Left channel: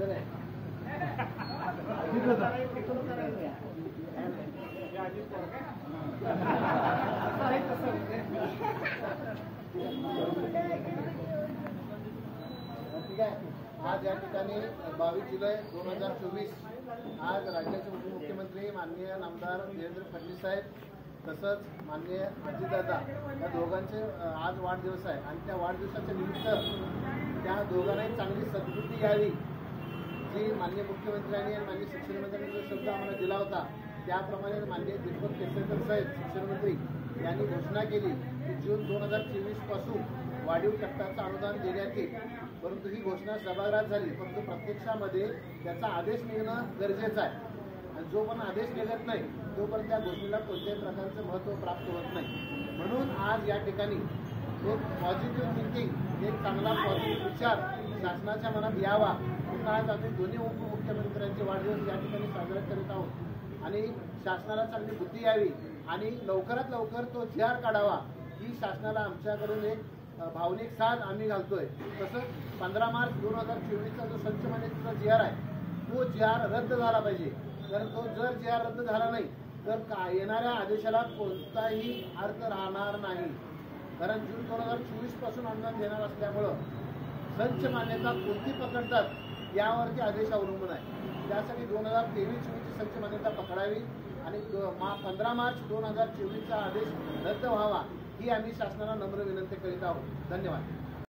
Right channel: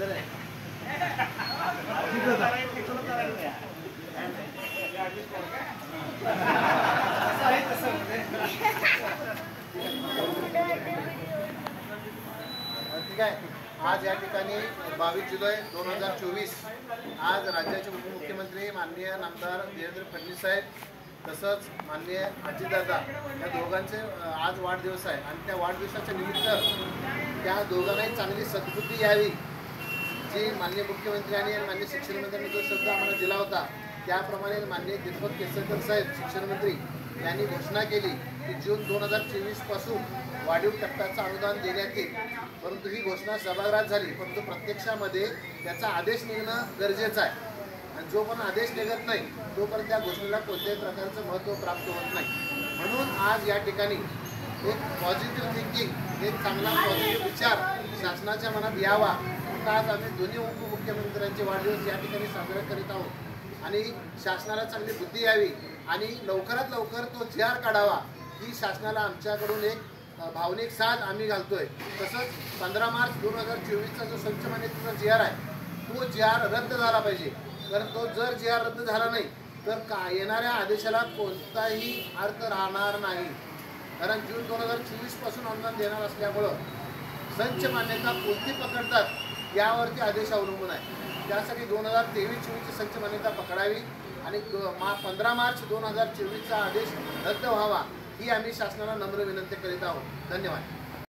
ठीक आहे। आज या ठिकाणी 22 जुलै 2024 आज राज्याचे उपमुख्यमंत्री माननीय नामदार देवेंद्र फडणवीस साहेब तसंच माननीय अजितदादा या दोघांचे आज वाढदिवस आहे आणि त्या वाढदिवसाच्या निमित्त त्या दोघांनाही चांगली सद्बुद्धी यावी जी माननीय मुख्यमंत्र्यांनी आणि माननीय शिक्षण मंत्र्यांनी जो शब्द आम्हाला दिला होता त्याप्रमाणे माननीय दीपक केसरकर साहेब शिक्षण मंत्री यांनी घोषणा केली की जून 2024 पासून वाढीव टप्प्याचं अनुदान देण्यात येईल। परंतु ही घोषणा सभागृहात झाली, परंतु प्रत्यक्षामध्ये त्याचा आदेश निघणं गरजेचं आहे आणि जो पण आदेश निघत नाही तोपर्यंत त्या घोषणेला कोणत्याही प्रकारचं महत्त्व प्राप्त होत नाही। म्हणून आज या ठिकाणी एक पॉझिटिव्ह थिंकिंग, एक चांगला पॉझिटिव्ह विचार शासनाच्या मनात यावा म्हणून आज आम्ही दोन्ही उपमुख्यमंत्र्यांचे वाढदिवस या ठिकाणी साजरा करीत आहोत आणि शासनाला चांगली बुद्धी यावी आणि लवकरात लवकर तो जी.आर. काढावा ही शासनाला आमच्याकडून एक भावनिक साथ आम्ही घालतोय। तसंच 15 मार्च 2024चा जो संच मान्यतेचा जी.आर. आहे तो जी.आर. रद्द झाला पाहिजे, कारण तो जर जी.आर. रद्द झाला नाही तर येणाऱ्या आदेशाला कोणताही अर्थ राहणार नाही, कारण जून 2024 पासून अनुदान देणार असल्यामुळं संच मान्यता कोणती पकडतात यावरती आदेश अवलंबून आहे। त्यासाठी 2023-24ची संच मान्यता पकडावी आणि 15 मार्च 2024चा आदेश रद्द व्हावा ही आम्ही शासनाला नम्र विनंती करीत आहोत। धन्यवाद।